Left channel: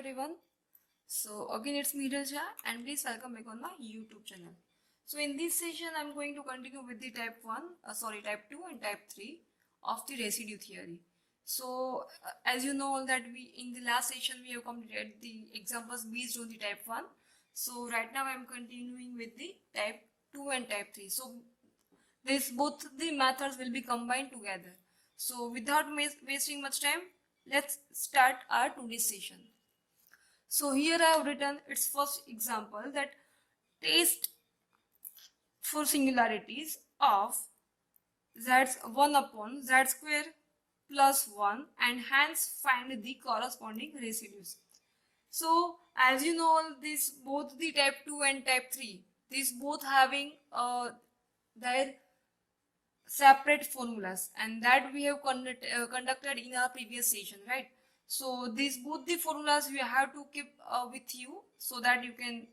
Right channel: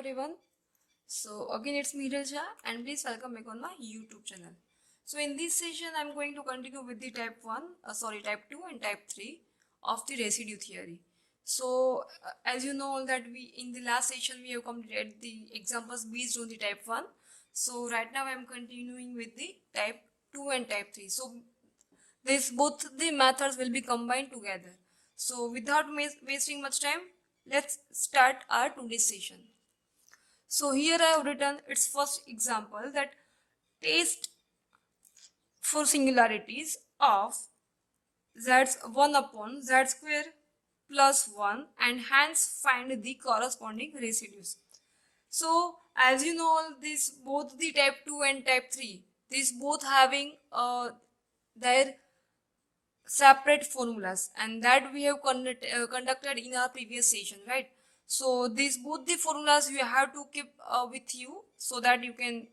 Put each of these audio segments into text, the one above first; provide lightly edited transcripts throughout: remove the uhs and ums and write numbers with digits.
everyone. So again it's me Raja and please welcome back on my YouTube channel. So in this session I'm going to continue with the type 2 and type 3 of the residue theory. So as you know that we in the last session we have completed the examples based on the type 1. So right now I'm continuing with the type 2 and type 3. So this both the methods will be combined together. So without wasting much time, let's start our today's session. So here I have written its first example, that test for singularities of z's 1 upon z square plus 1 and hence find the corresponding residues. So as you know, this both the type 2 and type 3, these both having their separate formulas, and that we have conducted in our previous session, right? So these both the formulas you have to keep with you so that you can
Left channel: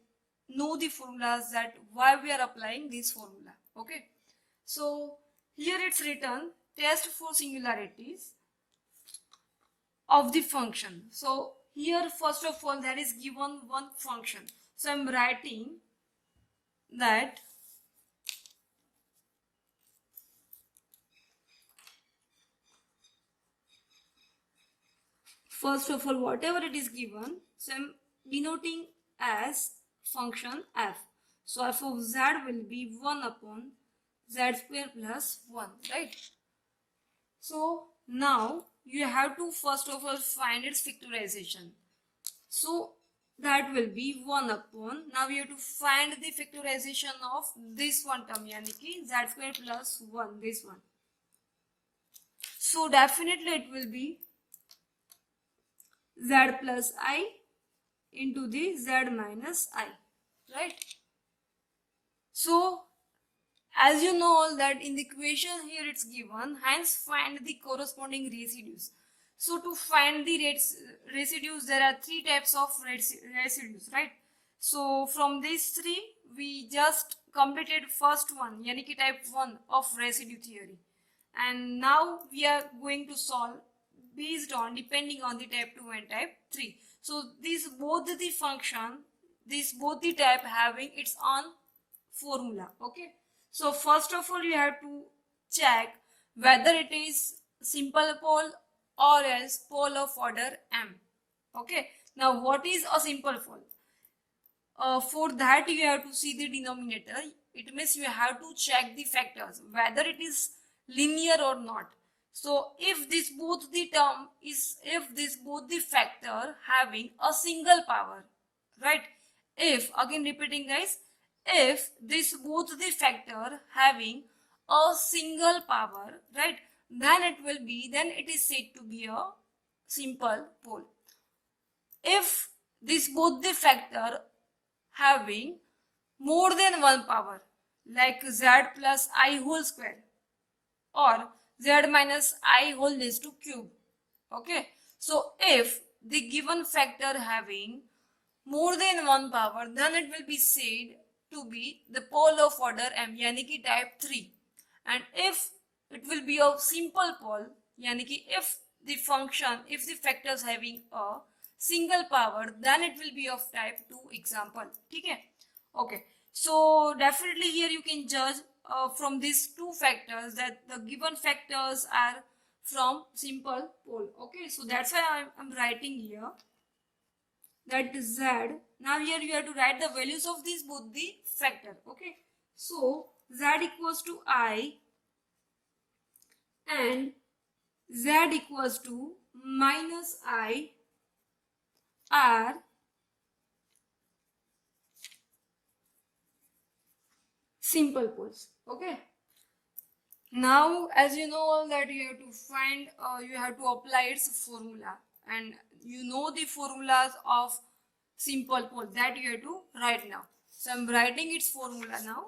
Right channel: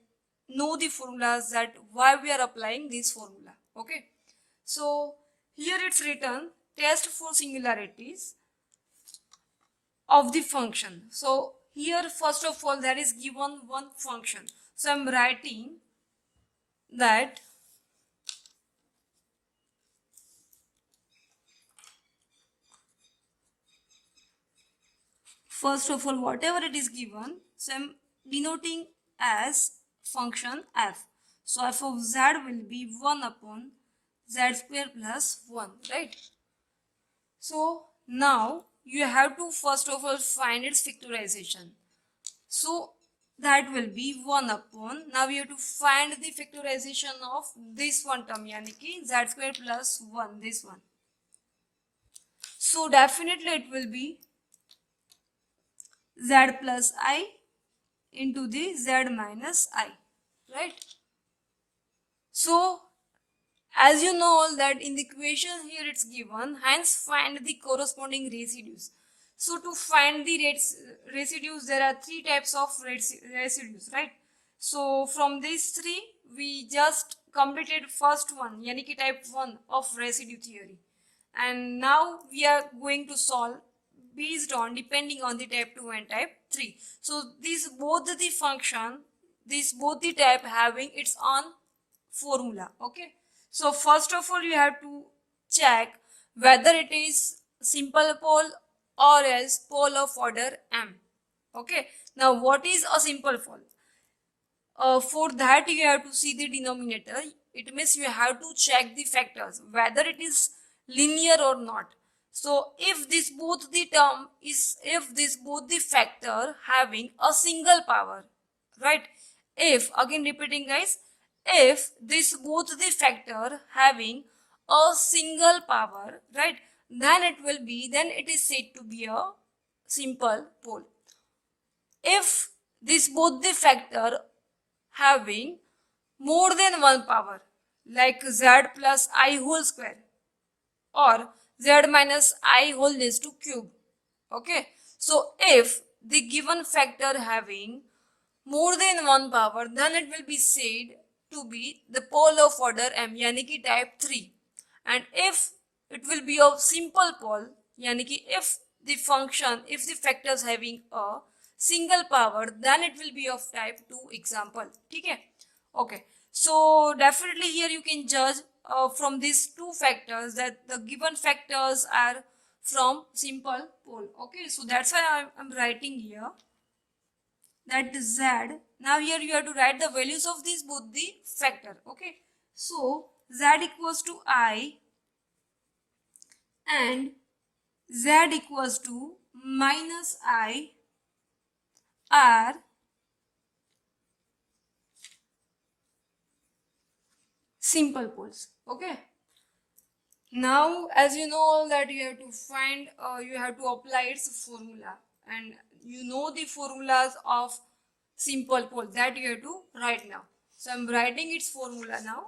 know the formulas, that why we are applying this formula. Okay, so here it's written test for singularities of the function. So here first of all there is given one function, so I'm writing that first of all whatever it is given, so I'm denoting as function f. So f of z will be 1 upon z square plus 1, right? So now you have to first of all find its factorization. So that will be 1 upon, now we have to find the factorization of this one term, yani ki z square plus 1, this one. So definitely it will be z plus I into the z minus I, right? So as you know that in the equation here it's given, hence find the corresponding residues. So to find the residues, there are three types of residues, right? So from these three we just completed first one, yani ki type 1 of residue theory, and now we are going to solve based on depending on the type 2 and type 3. So these both the function, these both the type having its own formula. Okay, so first of all you have to check whether it is simple pole or else pole of order m. Okay, now what is a simple pole? For that you have to see the denominator. It means you have to check the factors whether it is linear or not. So if this both the term is, if this both the factor having a single power, right? If, again repeating guys, if this both the factor having a single power, right, then it will be, then it is said to be a simple pole. If this both the factor having more than one power, like z plus I whole square or z minus I whole raised to cube. Okay, so if the given factor having more than one power, then it will be said to be the pole of order m, yani ki type 3. And if it will be of simple pole, yani ki if the function, if the factors having a single power, then it will be of type 2 example. Okay, okay, so definitely here you can judge from these two factors that the given factors are from simple pole. Okay, so that's why I'm writing here that z. Now here you have to write the values of these both the factor. Okay, so z equals to I and z equals to minus I are simple poles. Okay, now as you know that you have to find, you have to apply its formula, and you know the formulas of simple pole, that you have to write now. So I'm writing its formula now.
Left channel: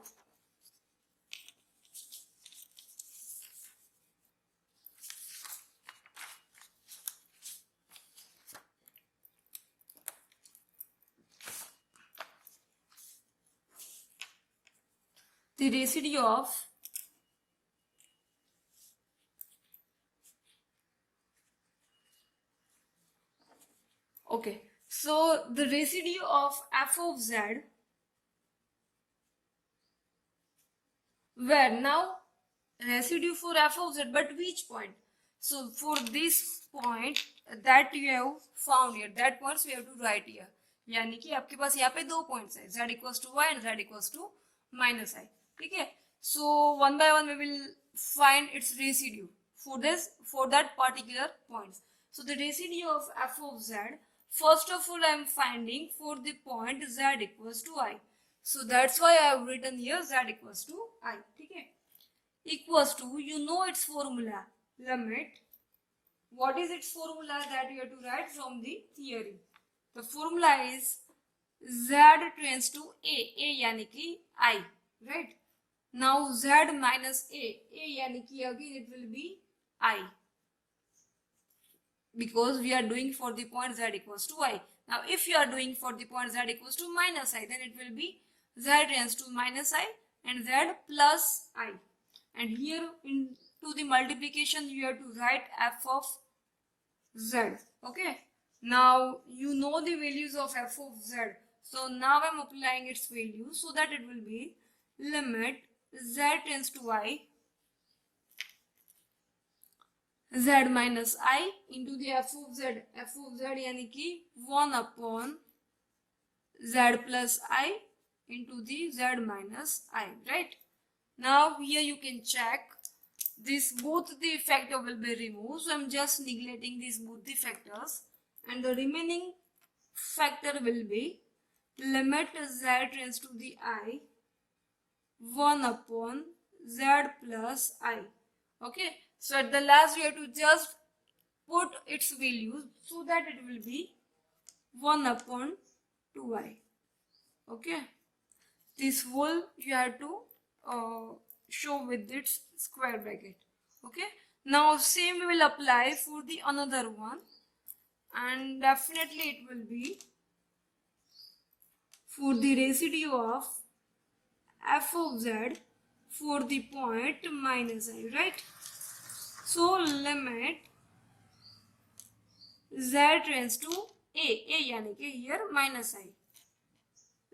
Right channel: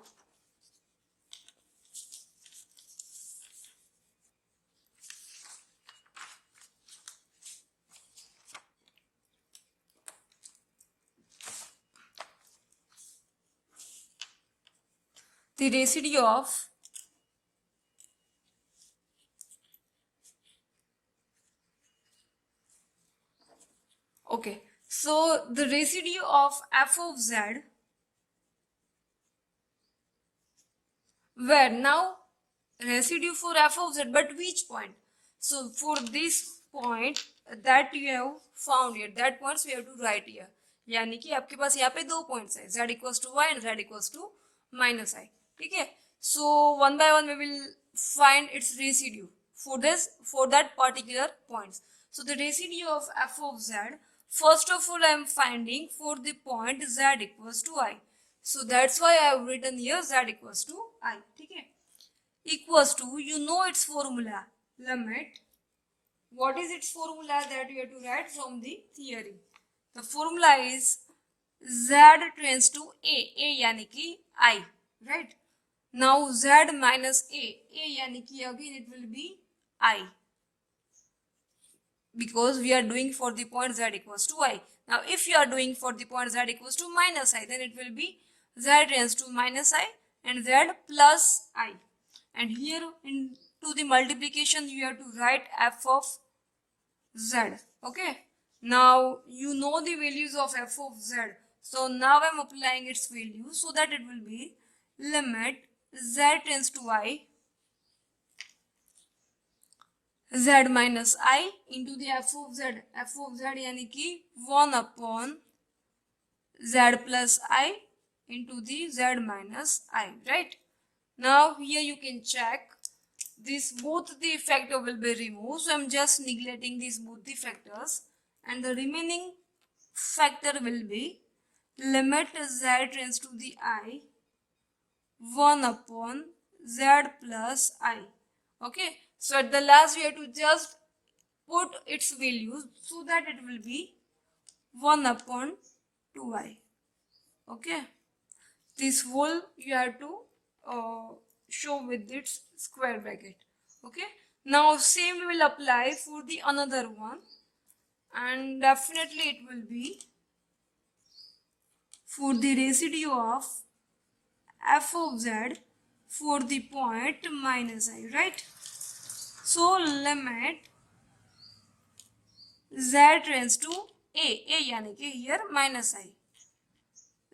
The residue of okay, So the residue of f of z, where now residue for f of z, but which point? So for this point that you have found here, that points we have to write here. यानी कि आपके पास यहाँ पे दो points है, z equals to y and z equals to minus I. ठीक है. So one by one we will find its residue for that particular points. So the residue of f of z, first of all I am finding for the point z equals to I. So that's why I have written here z equals to I. ठीक है. Equals to, you know its formula, limit. What is its formula that you have to write from the theory? The formula is z tends to a यानी कि I, right? Now z minus a यानी कि again it will be I, because we are doing for the point z equals to I. Now if you are doing for the point z equals to minus I, then it will be z tends to minus I and z plus I. And here into the multiplication you have to write f of z. Okay, now you know the values of f of z, so now I'm applying its value, so that it will be limit z tends to I, z minus I into the f of z. f of z यानी कि 1 upon z plus I into the z minus I, right? Now here you can check this, both the factor will be removed, so I'm just neglecting these both the factors, and the remaining factor will be limit z tends to the I 1 upon z plus I. Okay, so at the last we have to just put its values, so that it will be 1 upon 2I. Okay, this whole you have to show with its square bracket. Okay, now same we will apply for the another one, and definitely it will be for the residue of f of z for the point minus I, right? So limit z tends to a यानी कि here minus I,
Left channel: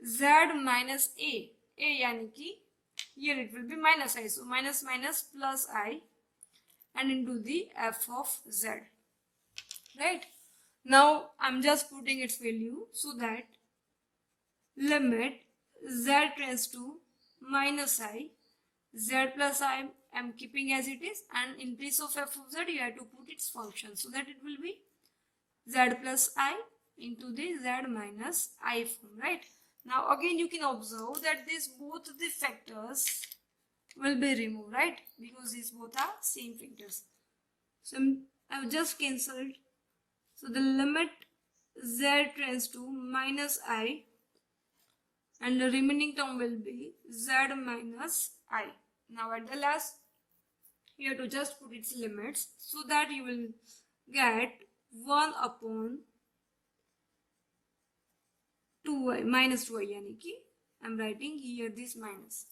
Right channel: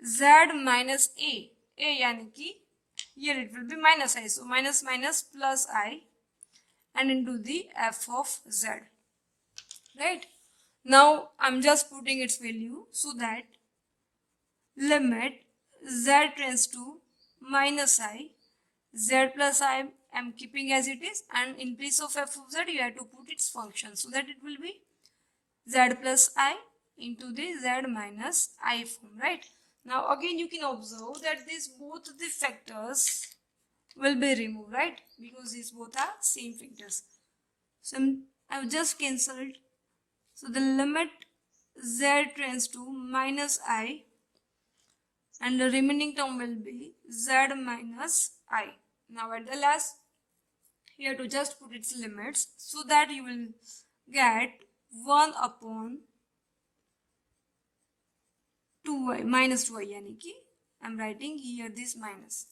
z minus a यानी कि here it will be minus I, so minus minus plus I, and into the f of z, right? Now I'm just putting its value, so that limit z tends to minus I, z plus I am keeping as it is, and in place of f of z you have to put its function, so that it will be z plus I into the z minus I form, right? Now again you can observe that these both the factors will be removed, right? Because these both are same factors. So I've just cancelled. So the limit z tends to minus I, and the remaining term will be z minus I. Now at the last you have to just put its limits, so that you will get 1 upon 2I minus 2I, यानी कि I'm writing here this minus.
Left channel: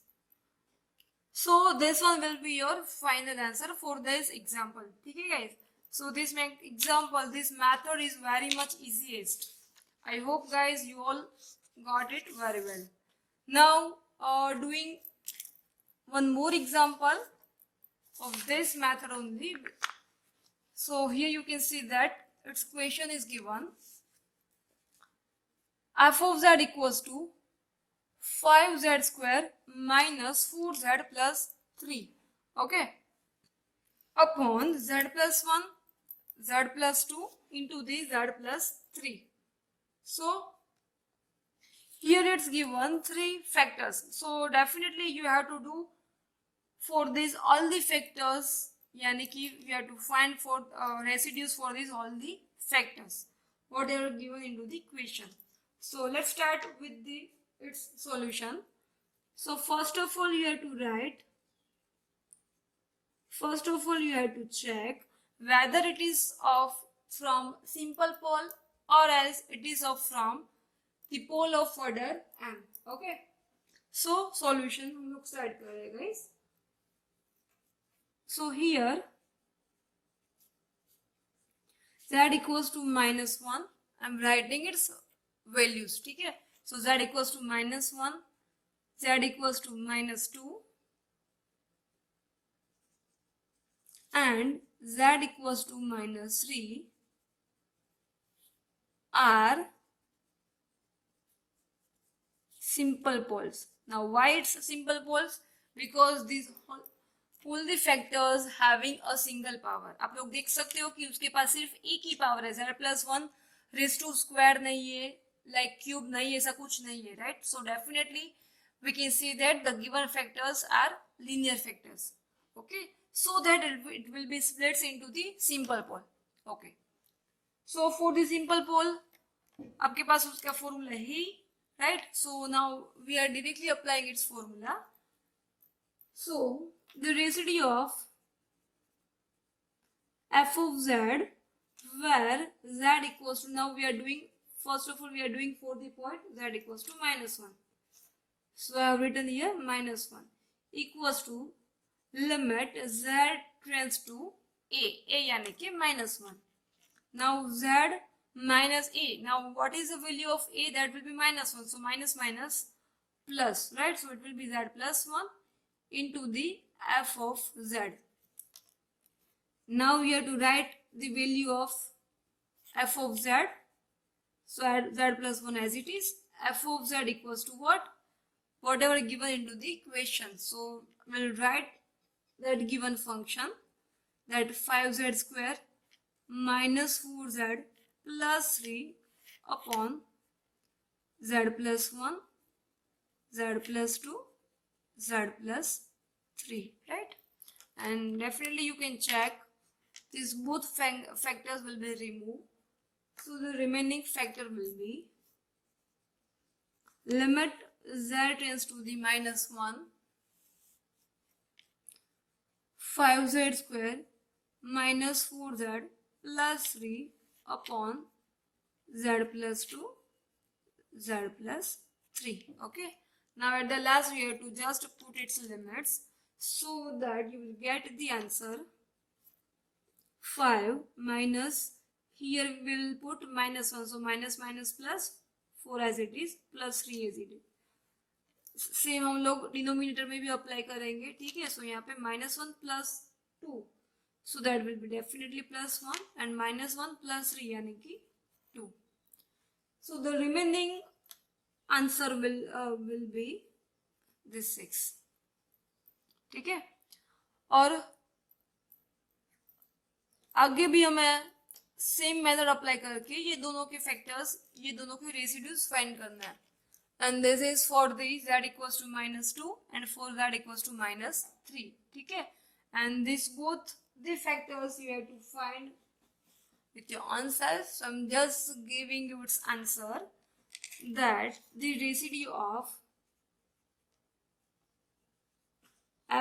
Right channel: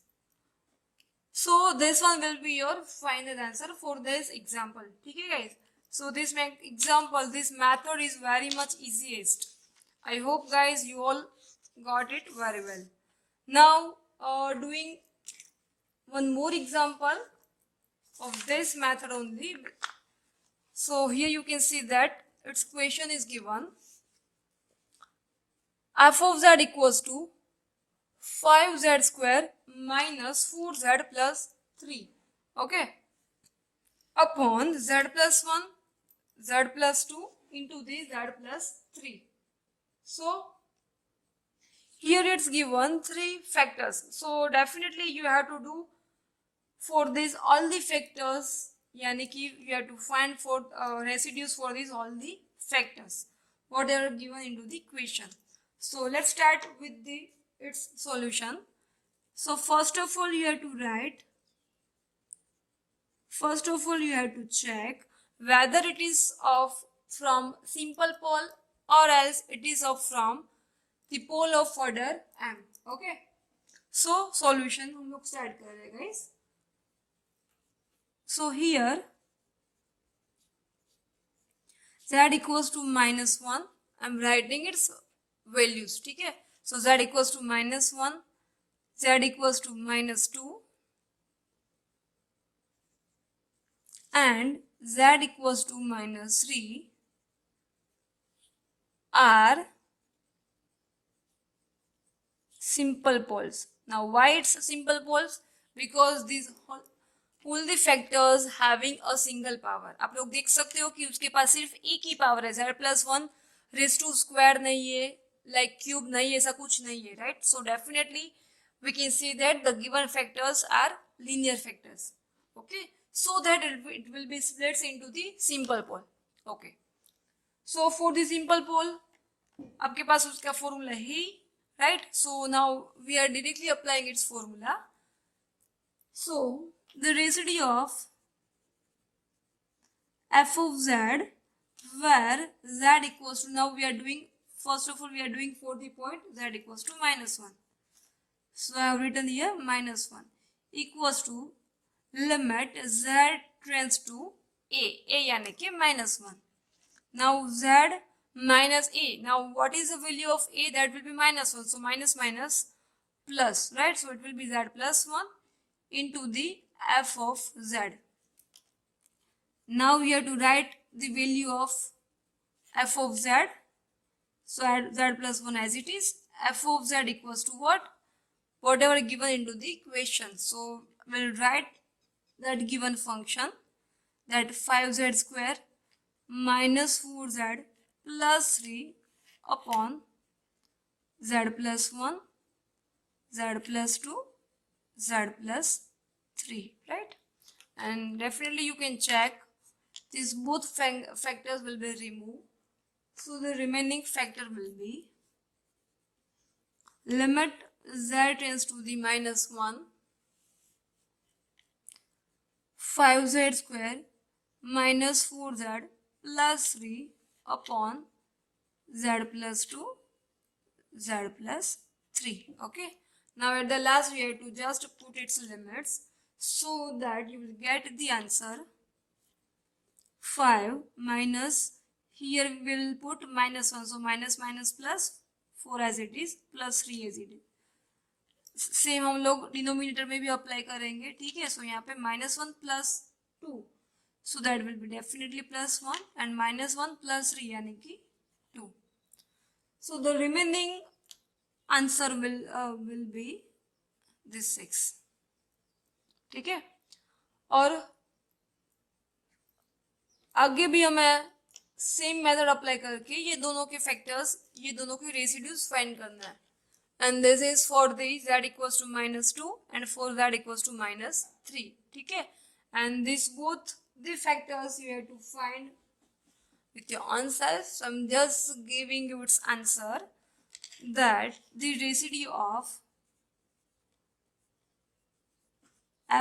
So this one will be your final answer for this example. Okay guys, so this example, this method is very much easiest. I hope guys you all got it very well. Now doing one more example of this method only. So here you can see that its question is given f of z equals to 5z square minus 4z plus 3, okay, upon z plus 1, z plus 2 into the z plus 3. So here it's given 3 factors, so definitely you have to do for this all the factors, yani ki you have to find for residues for these all the factors what are given into the question. So let's start with its solution. So first of all you have to check whether it is from simple pole or else it is from the pole of order m. Okay, so solution हम लोग start कर रहे हैं guys. So here z equals to minus 1 I am writing its values. ठीक है, so z equals to -1, z equals to -2 and z equals to -3 are simple poles. Now why it's simple poles? Because these pull the factors having a single power. आप लोग देख सकते हो कि उसके पास सिर्फ एक ही पावर है, z+1 रेज टू स्क्वायर नहीं है, लाइक क्यूब नहीं है, ऐसा कुछ नहीं है, right? So definitely we can see that the given factors are linear factors. Okay, so that it will be split into the simple pole. Okay, so for the simple pole आपके पास उसका formula है, right? So now we are directly applying its formula. So the residue of f of z, where z equals to, now we are doing, first of all we are doing for the point z equals to -1. So I have written here -1 equals to limit z tends to a यानी कि -1. Now z minus a. Now what is the value of a? That will be -1. So minus minus plus, right? So it will be z plus 1 into the f of z. Now we have to write the value of f of z. So add z plus 1 as it is. F of z equals to what? Whatever given into the equation. So we'll write that given function, that 5z square minus 4z plus 3 upon z plus 1, z plus 2, z plus 3, right? And definitely you can check these both factors will be removed. So the remaining factor will be limit z tends to the -1, 5z square minus 4z plus 3 upon z plus 2, z plus 3. Okay, now at the last we have to just put its limits so that you will get the answer 5 minus, here we will put -1, so minus minus plus 4 as it is plus 3 as it is. Same हम लोग denominator में भी apply करेंगे. ठीक है, सो यहाँ पे -1 plus 2, so that will be definitely +1 and -1 plus 3 यानी कि 2. So the remaining answer will B this 6. ठीक है, और आगे भी हमें सेम मेथड अप्लाई करके ये दोनों के फैक्टर्स, ये दोनों के रेसिड्यूज फाइंड करना है. And this is for the z equals to -2 and for z equals to -3. ठीक है, and this both the factors you have to find with your own self. So I'm just giving you its answer, that the residue of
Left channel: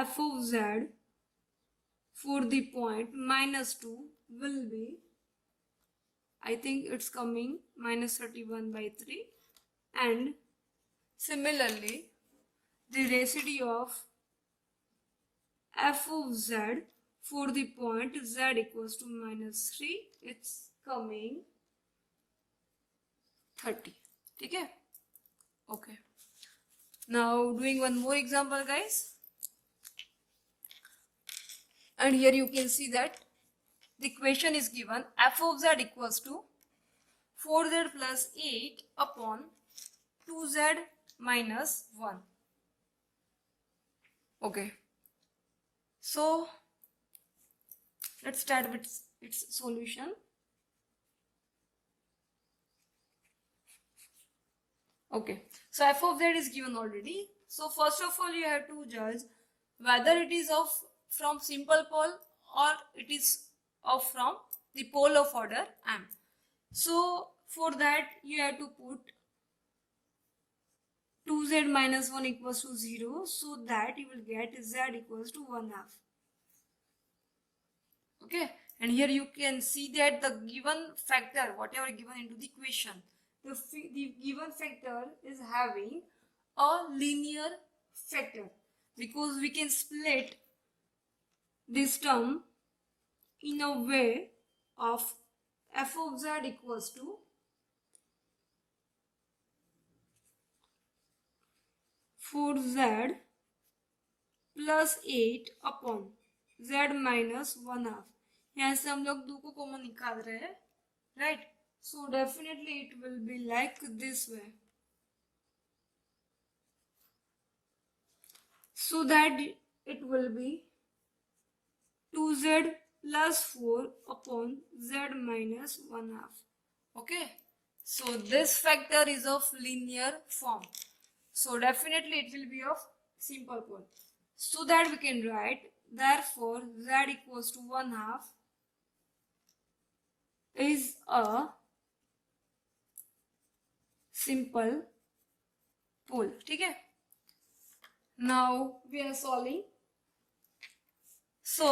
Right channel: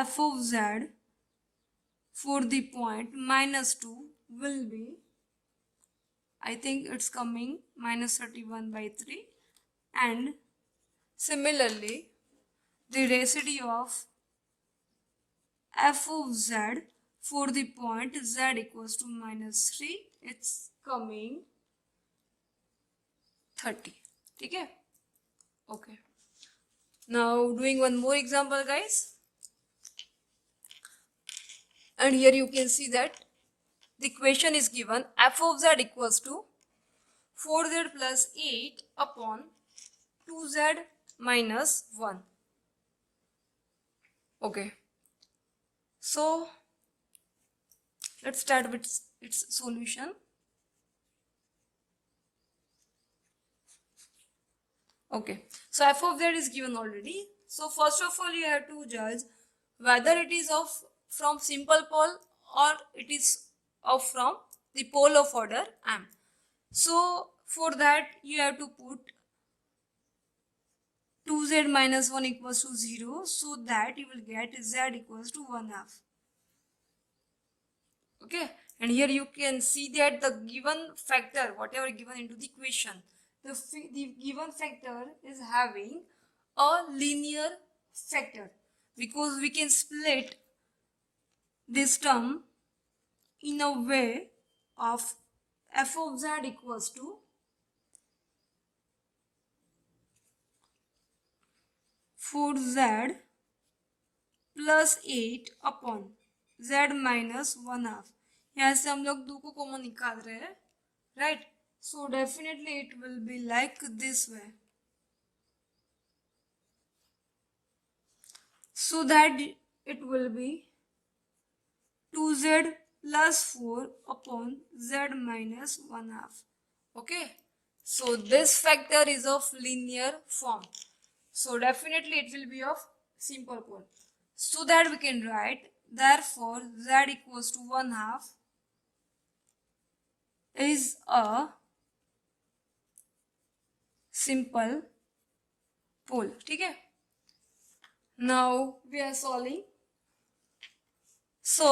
f of z for the point -2 will be, I think it's coming -31/3, and similarly, the residue of f of z for the point z equals to -3, it's coming 30. ठीक है, okay. Now doing one more example, guys, and here you can see that the equation is given f of z equals to 4z plus 8 upon 2z minus 1. Okay, so let's start with its solution. Okay, so f of z is given already. So first of all you have to judge whether it is of from simple pole or it is of from the pole of order m. So for that you have to put 2z minus 1 equals to 0, so that you will get z equals to 1/2. Okay, and here you can see that the given factor, whatever given into the equation, the given factor is having a linear factor, because we can split this term in a way of f of z equals to for z plus 8 upon z minus 1/2. यहाँ से हम लोग 2 को common निकाल रहे हैं, right? So definitely it will be like this way, so that it will be 2z plus 4 upon z minus 1/2. Okay, so this factor is of linear form, so definitely it will be of simple pole, so that we can write therefore z equals to 1/2 is a simple pole. ठीक है, now we are solving. So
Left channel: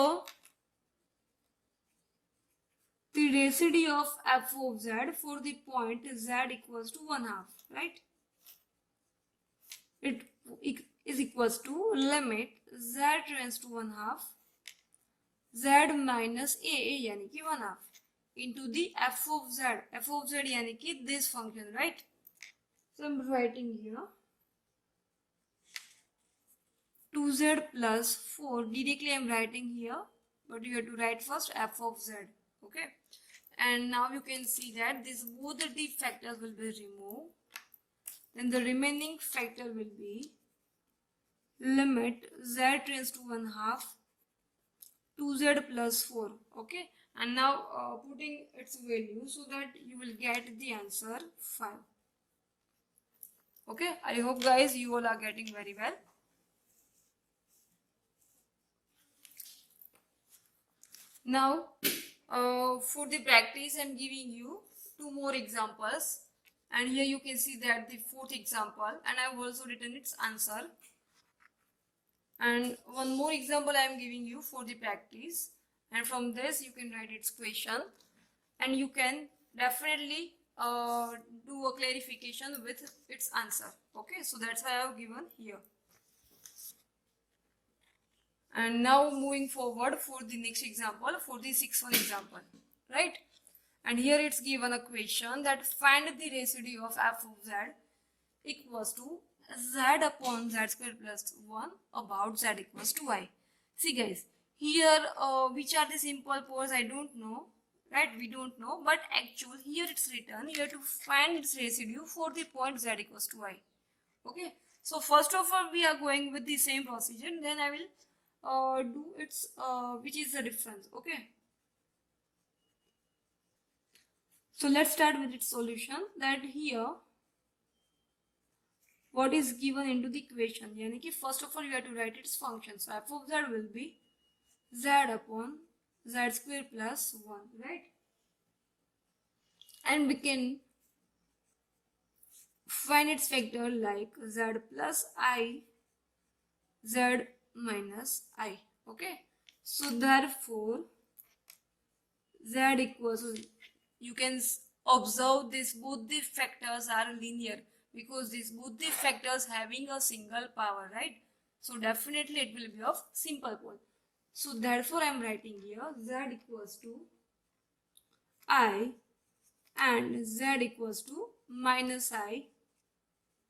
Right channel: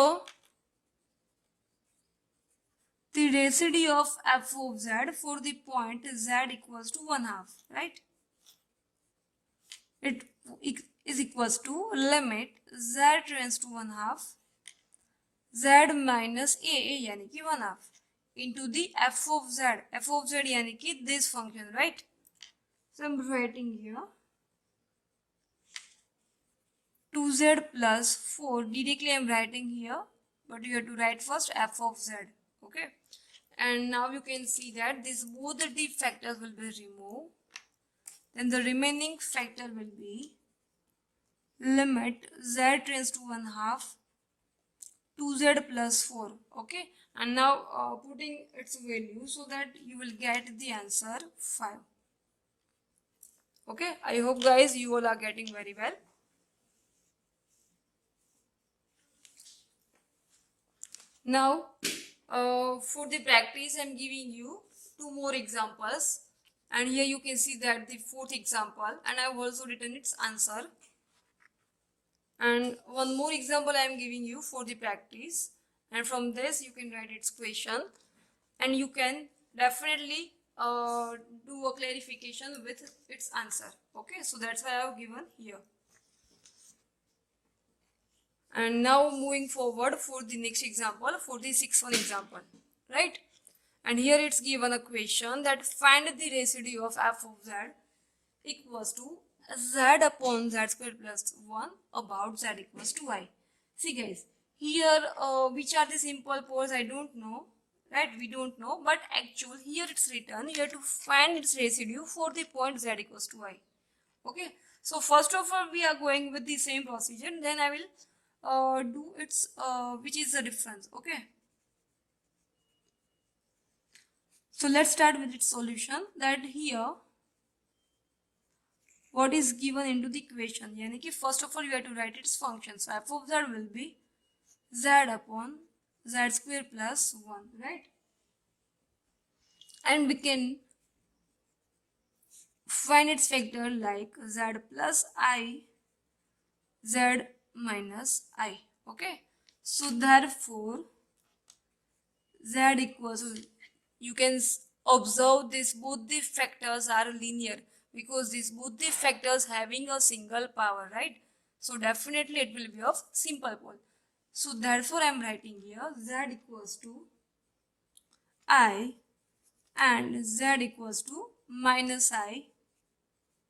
the residue of f of z for the point z equals to 1/2, right? It is equals to limit z tends to 1/2 z minus a यानी कि 1/2 into the f of z यानी कि this function, right? So I'm writing here 2z plus 4. Directly I'm writing here, but you have to write first f of z. Okay, and now you can see that this both the factors will be removed. Then the remaining factor will be limit z tends to 1/2 2z plus 4. Okay, and now putting its value so that you will get the answer 5. Okay, I hope guys you all are getting very well. Now for the practice I'm giving you 2 more examples, and here you can see that the 4th example, and I have also written its answer. And one more example I am giving you for the practice, and from this you can write its question, and you can definitely do a clarification with its answer. Okay, so that's why I have given here. And now moving forward for the next example, for the 6th one example, right? And here it's given a question that find the residue of f of z equals to z upon z square plus 1 about z equals to y. See guys, here which are the simple poles I don't know, right? We don't know, but actually here it's written you have to find its residue for the point z equals to y. Okay, so first of all we are going with the same procedure, then I will do its which is the difference. Okay, so let's start with its solution. That here what is given into the equation, yani ki first of all you have to write its function. So f of z will be z upon z square plus 1, right? And we can find its factor like z plus I z minus I. Okay, so therefore z equals, you can observe this both the factors are linear because these both the factors having a single power, right? So definitely it will be of simple pole. So therefore I am writing here z equals to I and z equals to minus I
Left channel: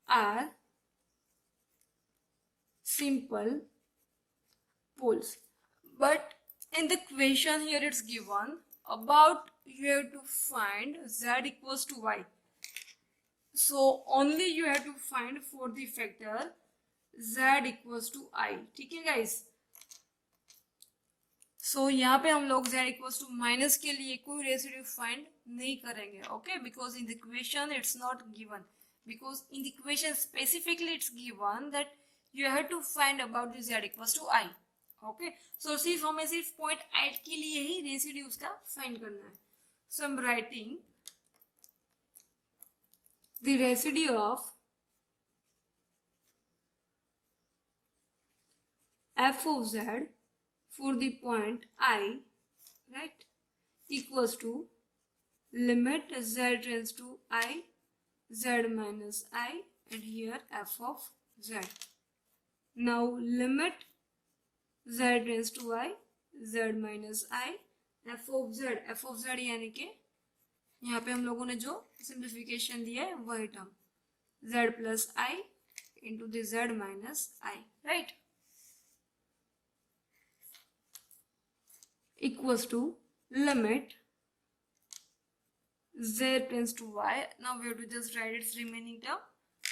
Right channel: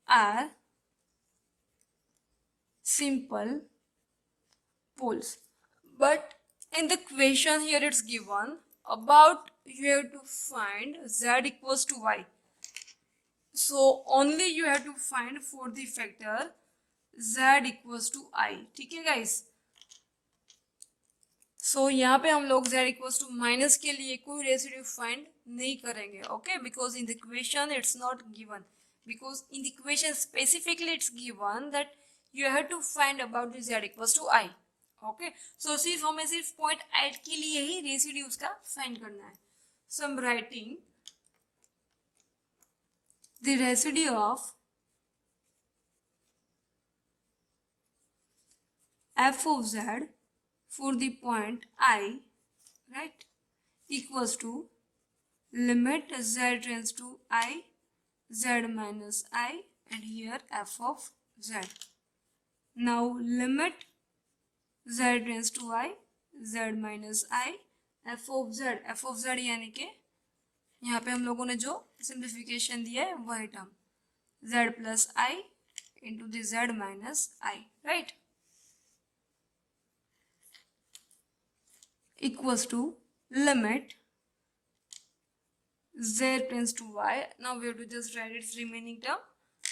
are simple poles. But in the question here it's given about you have to find z equals to y. So only you have to find for the factor z equals to I. ठीक है guys? So यहाँ पे हम लोग z equals to minus के लिए कोई residue find नहीं करेंगे. Okay, because in the equation it's not given. Because in the equation specifically it's given that you have to find about the z equals to I. Okay, so सिर्फ हमें सिर्फ point 8 के लिए ही residues का find करना है. So I'm writing the residue of f of z for the point I, right, equals to limit z tends to I z minus I, and here f of z. Now limit z tends to I z minus I f of z यानी कि यहाँ पे हम लोगों ने जो simplification दिया है वही term z plus I into the z minus I, right? Equals to limit z tends to y. Now we have to just write its remaining term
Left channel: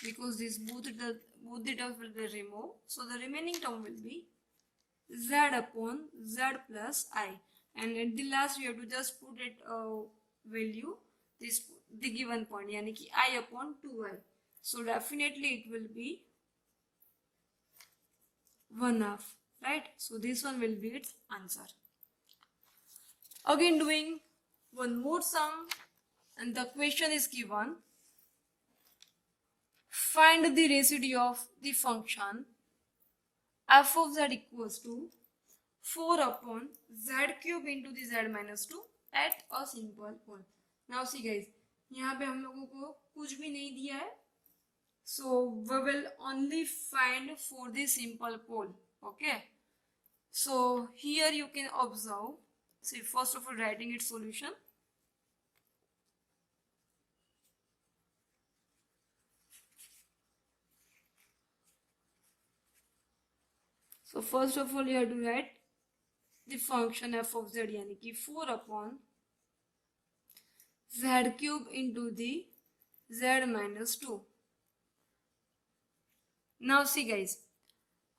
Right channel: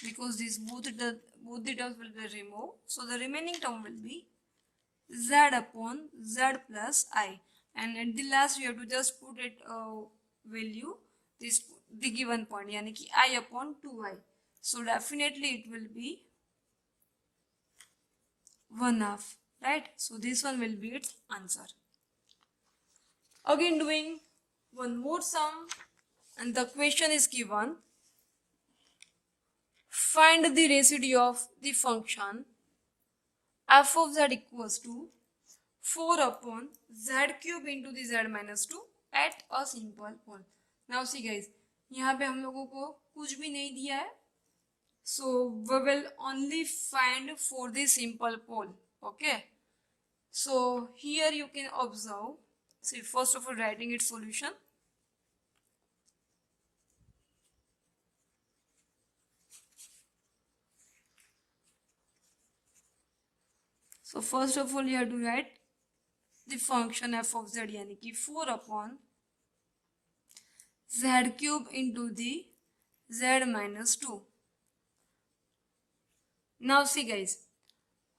because these both the terms will be removed. So the remaining term will be z upon z plus I, and at the last we have to just put it value this the given point, yani ki I upon 2I. So definitely it will be 1/2, right? So this one will be its answer. Again doing one more sum, and the question is given: find the residue of the function f of z equals to 4 upon z cube into the z minus 2 at a simple pole. Now see guys, यहाँ पे हम लोगों को कुछ भी नहीं दिया है, so we will only find for the simple pole. Okay, so here you can observe. So first of all, writing its solution. So first of all, you have to write the function f of z, यानी कि 4 upon z cube into the z minus 2. Now see guys,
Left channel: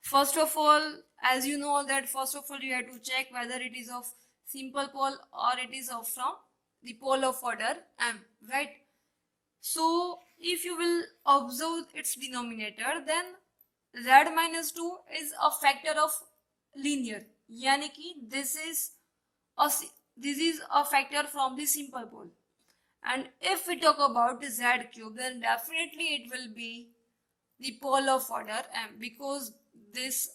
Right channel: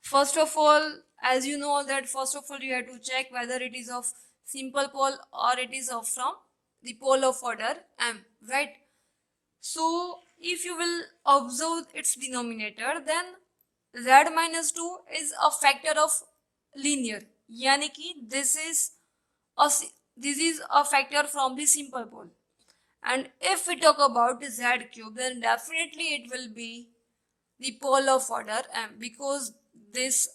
first of all, as you know that first of all you have to check whether it is of simple pole or it is of from the pole of order m, right? So if you will observe its denominator, then z minus 2 is a factor of linear, yani ki this is a factor from the simple pole. And if we talk about z cube, then definitely it will be the pole of order m, because this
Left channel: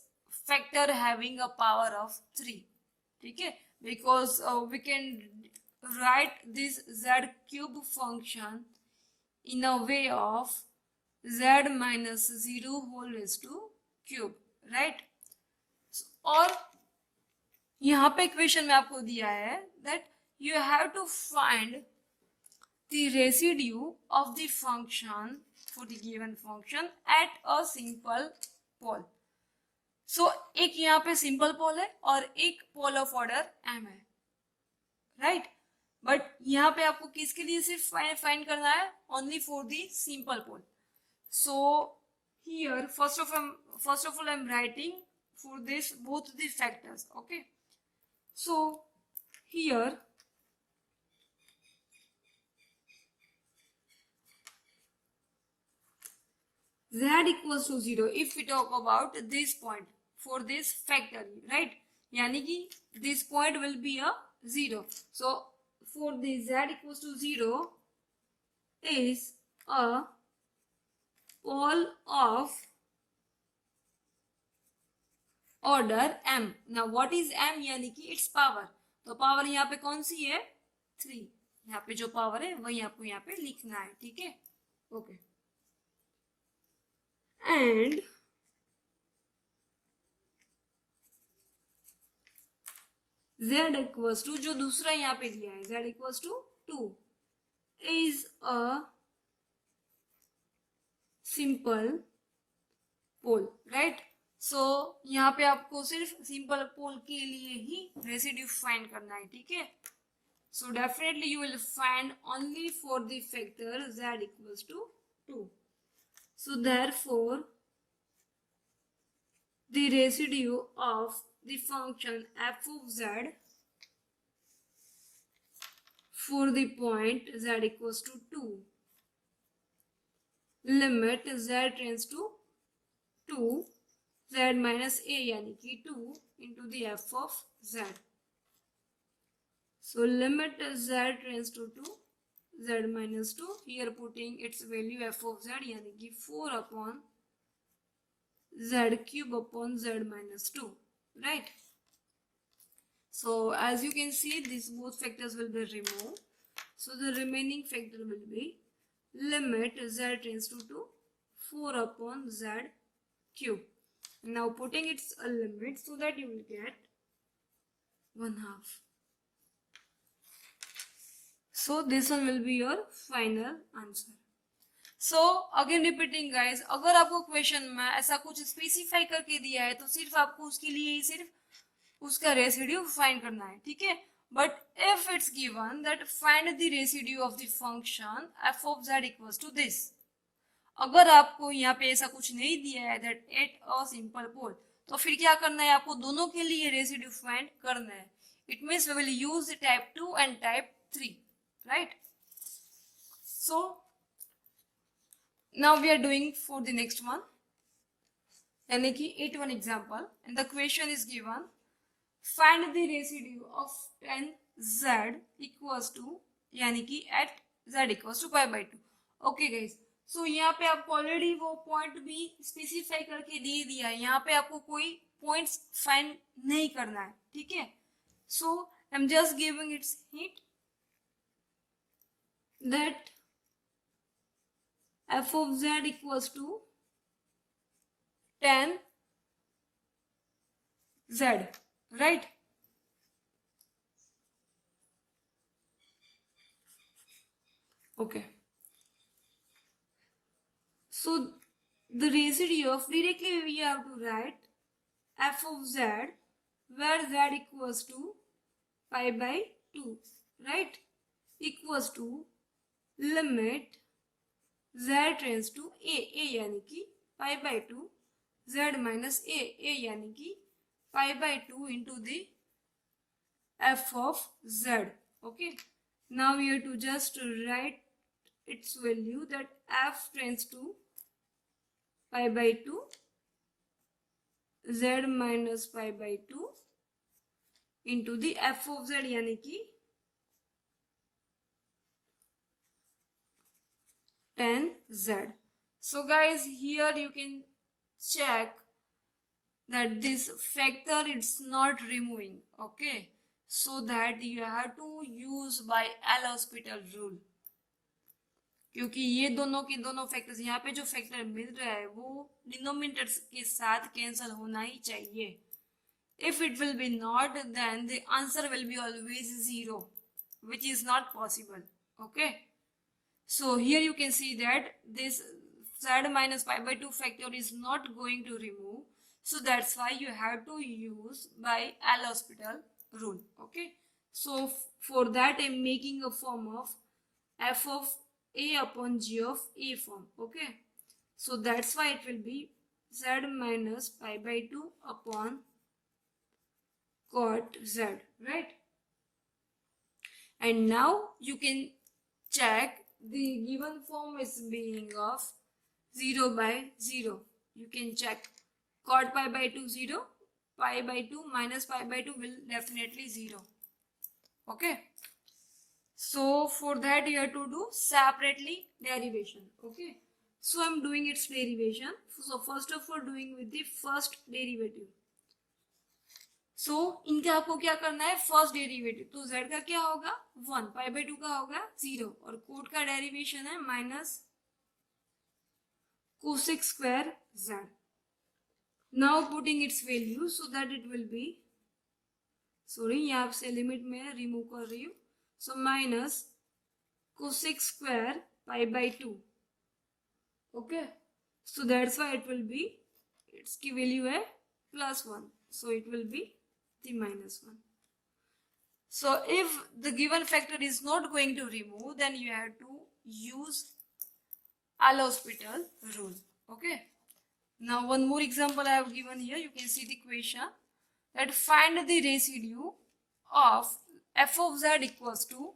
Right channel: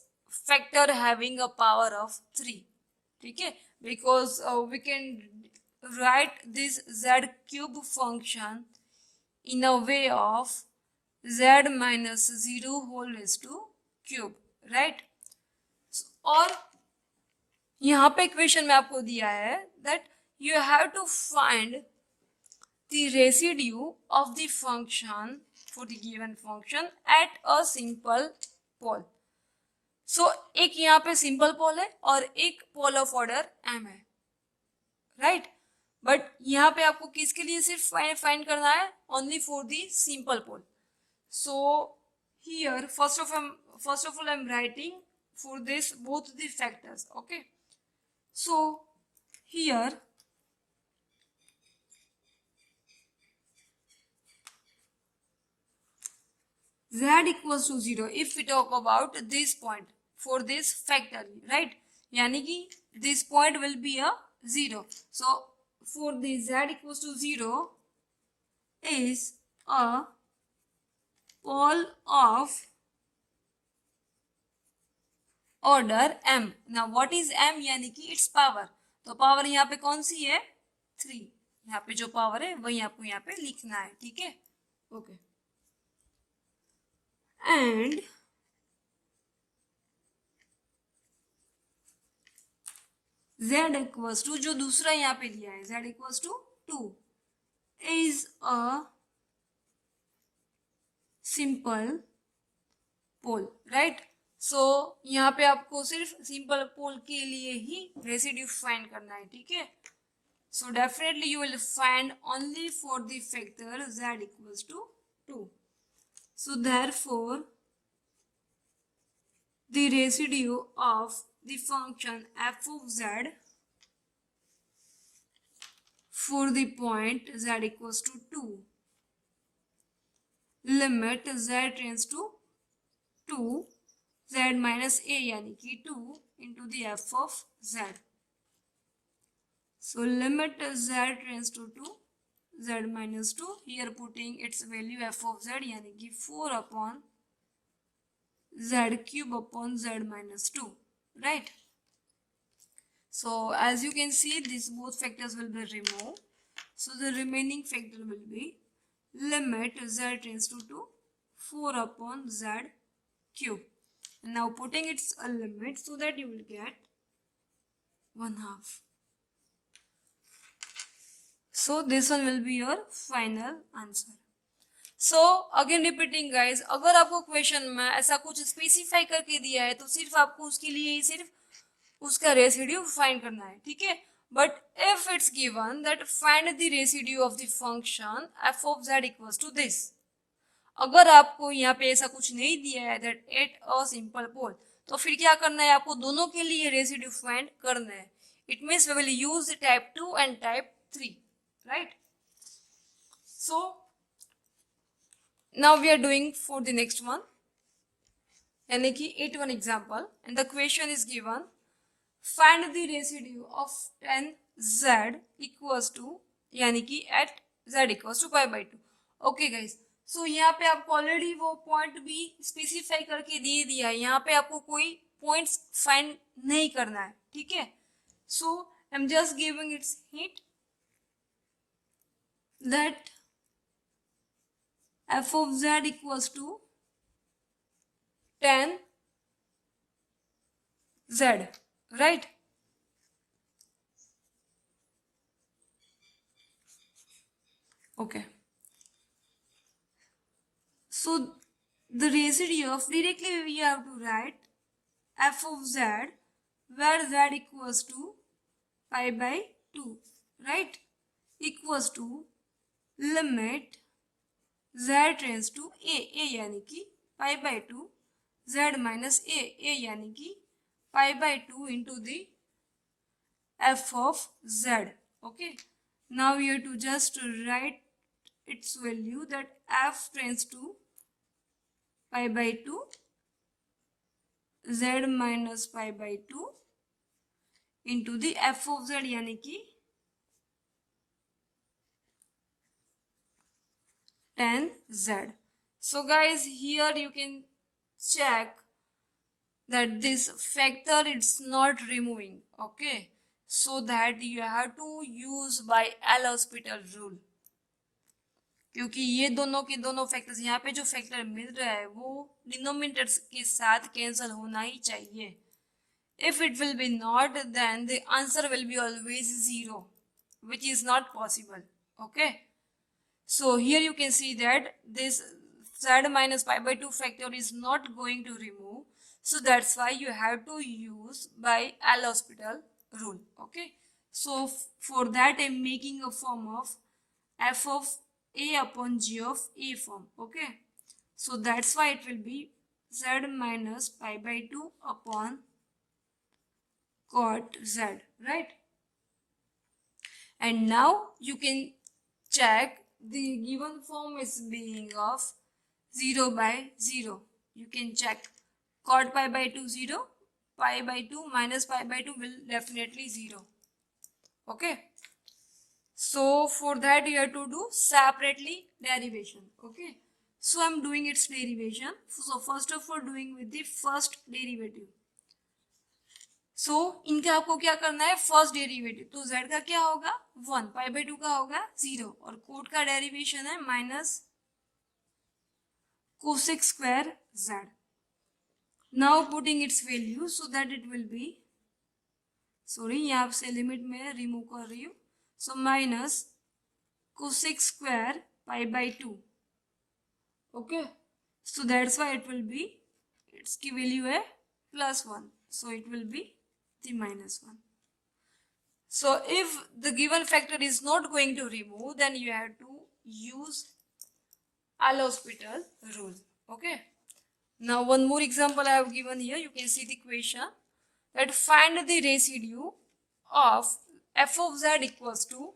factor having a power of 3. Okay, because we can write this z cube function in a way of z minus 0 whole raised to cube, right? और यहाँ पे equation में आपको दिया है that you have to find the residue of the function for the given function at a simple pole. So एक यहाँ पे simple pole है और एक pole of order m है, right? But यहाँ पे आपको किसके लिए सिर्फ find करना है? Only for the simple pole. So here first of all I'm writing for this both the factors. Okay, so here z equals to 0 if we talk about this point for this factor, right? Yani ki this point will be a 0. So for the z equals to 0 is a pole of order m. Now what is m? यानी कि its power. तो power यहाँ पे कौन सी है? 3. यहाँ पे जो पावर है वही आपको यहाँ पे लिखना है, ठीक है? Okay, and z equals to जो दूसरा यहाँ पे दिया है z equals to 2 is a simple pole, right? So यहाँ पे आपको सिर्फ सिंपल पोल के लिए ही रेसिड्यू फाइंड करना है, ठीक है? So definitely you will find only for the factor z equals to 2. So therefore the residue of the function f of z for the point z equals to 2 limit z tends to 2 z minus a यानी कि 2 into the f of z. So limit z tends to 2 z minus 2, here putting its value f of z यानी कि 4 upon z cube upon z minus 2, right? So as you can see, these both factors will be removed. So the remaining factor will be limit z tends to 2 4 upon z cube. Now putting its a limit so that you will get 1/2. So this one will be your final answer. So again repeating guys, अगर आपको question में ऐसा कुछ specify करके दिया है तो सिर्फ आपको उसके लिए ही सिर्फ उसका रेसिड्यू फाइंड करना है, ठीक है। But if it's given that find the residue of the function F of Z equals to this, अगर आपको यहाँ पे ऐसा कुछ नहीं दिया है that at a simple pole, तो फिर क्या करना है, आपको दोनों के लिए रेसिड्यू फाइंड करना है। It means we will use type 2 and type 3, right. So now we are doing for the next one, यानी कि 8th example, and the question is given find the residue of 10z equals to, यानी कि at z equals to pi by 2। Okay guys, so यहाँ पे आपको already वो point भी specify करके दे दिया है, यहाँ पे आपको कोई पॉइंट्स फाइंड नहीं करना है, ठीक है। So I am just giving its hint that f of z equals to 10z, right? Okay. So the residue of, directly we have to write f of z where z equals to pi by 2, right? Equals to limit z tends to a यानी कि pi by 2, z minus a यानी कि pi by 2 into the f of z, okay। Now we have to just write its value that f tends to pi by 2, z minus pi by 2 into the f of z यानी कि 10z। So guys, here you can check that this factor it's not removing, okay, so that you have to use by L'Hospital rule, क्योंकि ये दोनों के दोनों factors, यहाँ पे जो फैक्टर मिल रहा है वो डिनोमिनेटर्स के साथ कैंसिल होना ही चाहिए। If it will be not, then the answer will be always 0, which is not possible, okay। So here you can see that this z minus pi by 2 factor is not going to remove, so that's why you have to use by L'Hospital rule, okay। So for that I'm making a form of f of a upon g of a form, okay। So that's why it will be z minus pi by 2 upon cot z, right। And now you can check the given form is being of 0 by 0. You can check cot pi by 2 0, pi by 2 minus pi by 2 will definitely 0, okay। So for that you have to do separately derivation, okay। So I'm doing its derivation। So first of all doing with the first derivative। सो इनका आपको क्या करना है, first derivative, तो z का क्या होगा 1, pi by 2 का होगा 0, और कोट का डेरिवेशन है minus cosec square z। Now putting it's value so that it will B, sorry यहाँ से लिमिट में रिमूव कर रही हूँ, so minus cosec square pi by 2, okay. So that's why it will B, it's की value है +1, so it will be the -1। So if the given factor is not going to remove, then you have to use L'Hospital rule, okay। Now one more example I have given here, you can see the question that find the residue of f of z equals to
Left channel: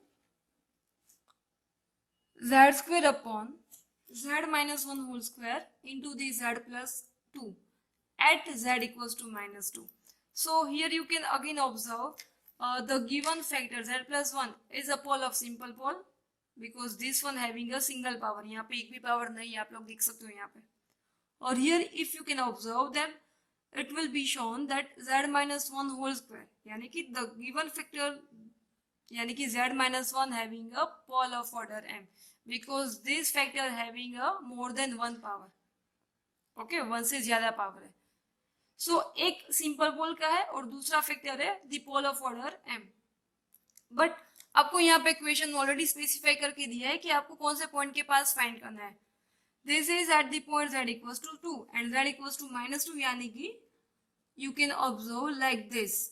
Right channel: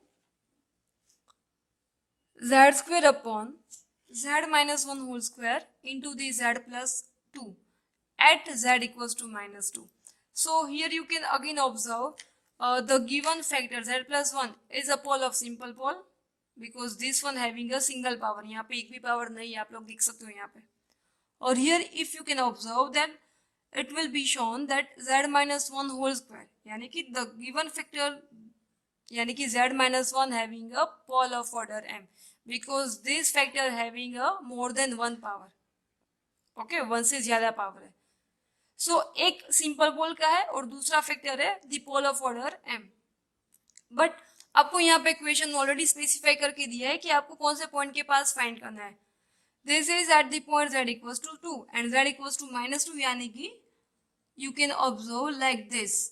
z square upon z minus 1 whole square into the z plus 2 at z equals to -2। So here you can again observe the given factor z plus 1 is a pole of simple pole, because this one having a single power, यहाँ पे एक भी power नहीं है, आप लोग देख सकते हो यहाँ पे। और here if you can observe that it will be shown that z minus 1 whole square, यानी कि the given factor, यानी कि z minus 1 having a pole of order m, because this factor having a more than 1 power, okay, 1 से ज्यादा power है। सो एक simple पोल का है और दूसरा फैक्टर है the pole of order m। But आपको यहाँ पे क्वेश्चन ऑलरेडी स्पेसिफाई करके दिया है कि आपको कौन से पॉइंट के पास फाइंड करना है। This is at the point z equals to 2 and z equals to minus 2 यानी कि you can observe like this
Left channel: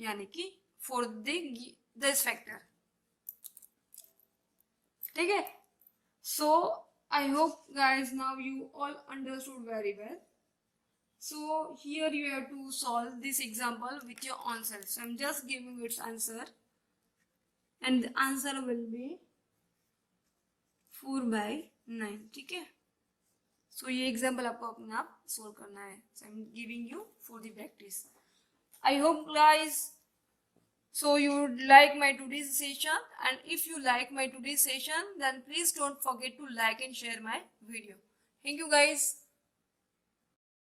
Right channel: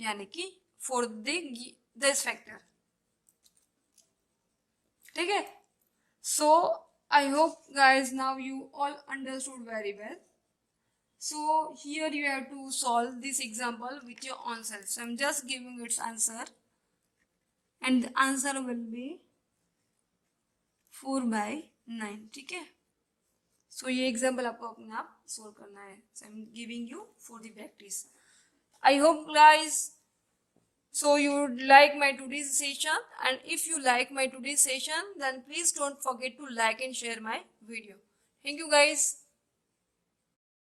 यानी कि for this factor. ठीक है. So I hope guys now you all understood very well. So here you have to solve this example with your own self. So I'm just giving its answer and the answer will be 4/9. ठीक है. So ये example आपको अपने आप solve करना है. So I'm giving you for the practice. I hope guys so you would like my today's session, and if you like my today's session then please don't forget to like and share my video. Thank you guys.